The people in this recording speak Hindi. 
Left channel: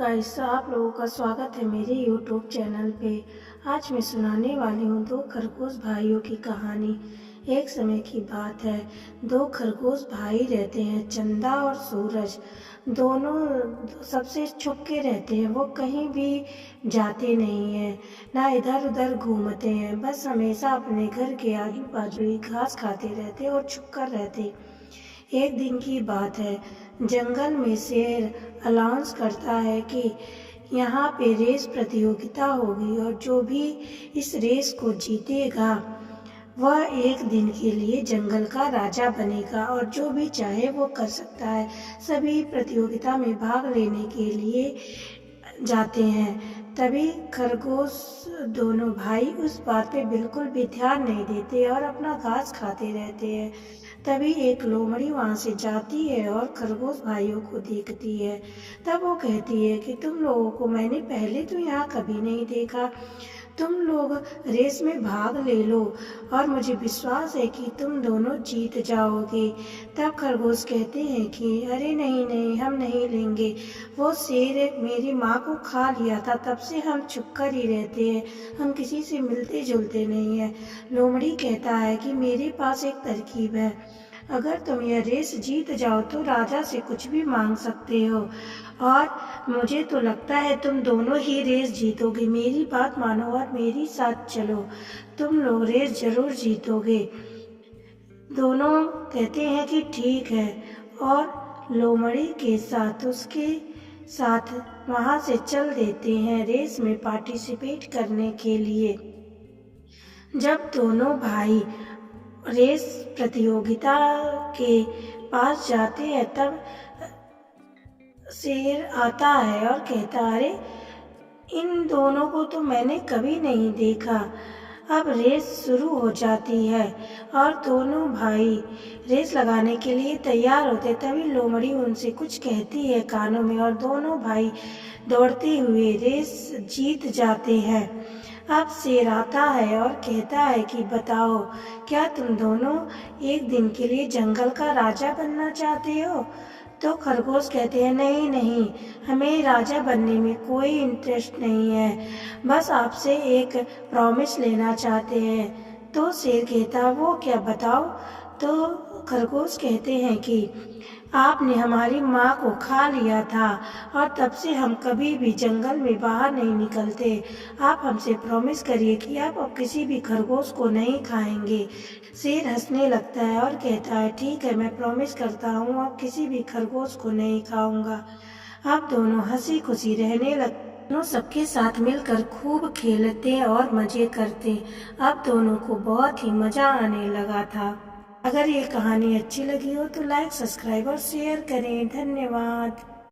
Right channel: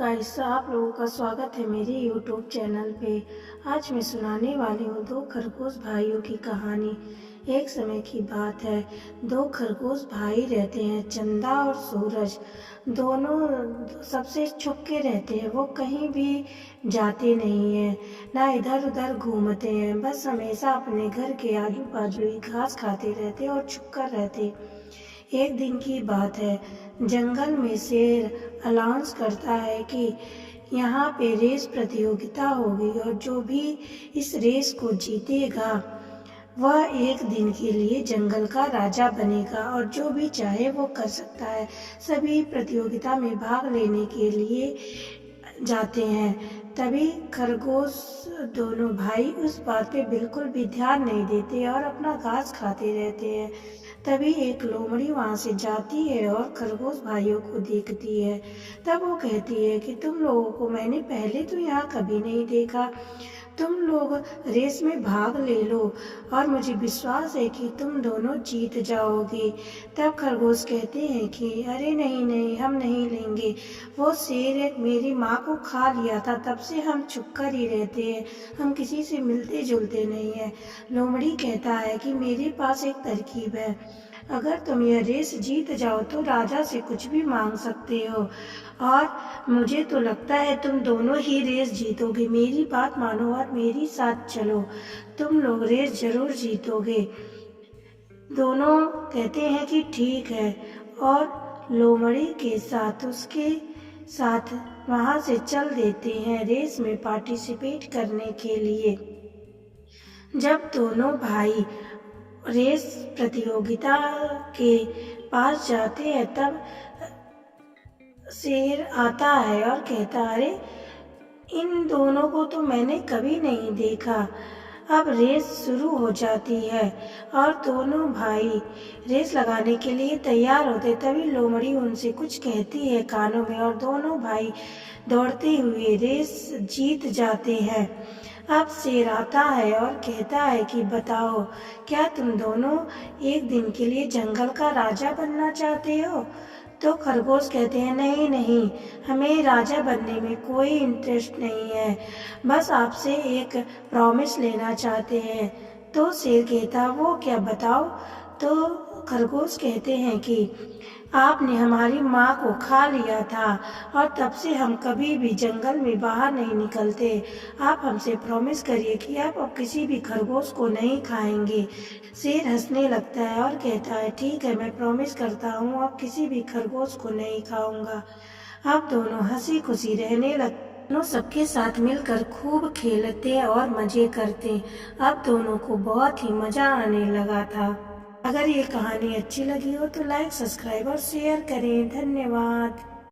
गाइस, आप लोगों का स्वागत है मेरे यूट्यूब चैनल पे। आज मैं सुनाने वाली हूँ दो खरगोश भाइयों की कहानी। एक समय की बात है, दो खरगोश भाई रहते हैं, चंदा और सूरज। दोनों सबसे छुप के रहते हैं, वो कहीं भी जाते नहीं हैं, ना इधर उधर घूमते हैं, बस हमेशा अपने घर के आजू बाजू ही घास खाते रहते और छुप कर रहते। एक दिन की बात है, जंगल में शेर अनाउंस करता है कि यहाँ पे रेस प्रतियोगिता होगी और जो भी इस रेस को जीतेगा वह एक दिन के लिए जंगल का राजा बनेगा और जो भी चाहे वो कर सकता है। सभी प्रतियोगिता में भाग लेने के लिए जाते हैं। तभी खरगोश दोनों भाई उस बात पे बिल्कुल भी ध्यान नहीं देते और अपना घास खाते रहते हैं। तभी एक लोमड़ी वहाँ से जाती है और खरगोश भाइयों को देखती है। तब वो कहती है कि तुम लोगों को मैंने पहले तो यहाँ कभी नहीं देखा, तुम लोग रेस में भाग ले लो और मुझे विश्वास है कि तुम दोनों जीत जाओगे। तब खरगोश कहते हैं कि अरे नहीं नहीं, हम नहीं लेंगे, वो शेर मेरी माँ को खा लिया था, तब से हम छुप कर ही रहते हैं, हम किसी से मिलते जुलते नहीं हैं। लोमड़ी कहता है कि मेरे पास एक तरकीब है, अगर तुम यह रेस जीत जाओ तो राजा से कुछ भी मांग सकते हो और मुझे तो लगता है तुम दोनों ही रेस जीतोगे। मेरी बात मानो और मेरे साथ चलो, तुम लोग रेस जरूर जीतोगे। दोनों कहते हैं कि ठीक है और लोमड़ी के साथ उसके साथ वहाँ से चल देते हैं रेस में पार्टिसिपेट करने के लिए। जब दोनों भाई रेस प्रतियोगिता के पास जाते हैं तब शेर आता है और कहता है अरे इन दोनों को तो मैंने कभी नहीं देखा। अब रेस शुरू हो जाती है और दोनों भाई रेस लगाने के लिए तैयार होते। तभी लोमड़ी उनसे कुछ कहती है कानों में और दोनों भाई दौड़ते हुए रेस जीत जाते हैं। अब शेर आता है और कहता है कि बताओ, क्या तुम दोनों एक दिन के लिए जंगल का राजा बनना चाहते हो? तो खरगोश कहते हैं नहीं नहीं, हमें राजा बनने में कोई इंटरेस्ट नहीं है, बस आपसे एक प्रॉमिस लेना चाहते हैं। तो शेर कहता वो क्या, बताओ। तो खरगोश कहते हैं कि आपने हमारी माँ को खा लिया था और तब से हम कभी भी जंगल में बाहर नहीं निकलते। आप हमसे प्रॉमिस करिए कि आप अब किसी भी खरगोश को नहीं खाएंगे। शेर हंसने लगता है और कहता है ठीक है, मैं प्रॉमिस करता हूँ, अब किसी भी खरगोश को नहीं खाऊंगा। अब दोनों हंसी खुशी रहने लगते, दोनों सबके साथ मिलकर खूब खेलते और मजे करते। अब दोनों को बहुत ही मजा आने लगा था। अगर ये कहानी अच्छी लगी हो तो लाइक, सब्सक्राइब और शेयर करें। धन्यवाद।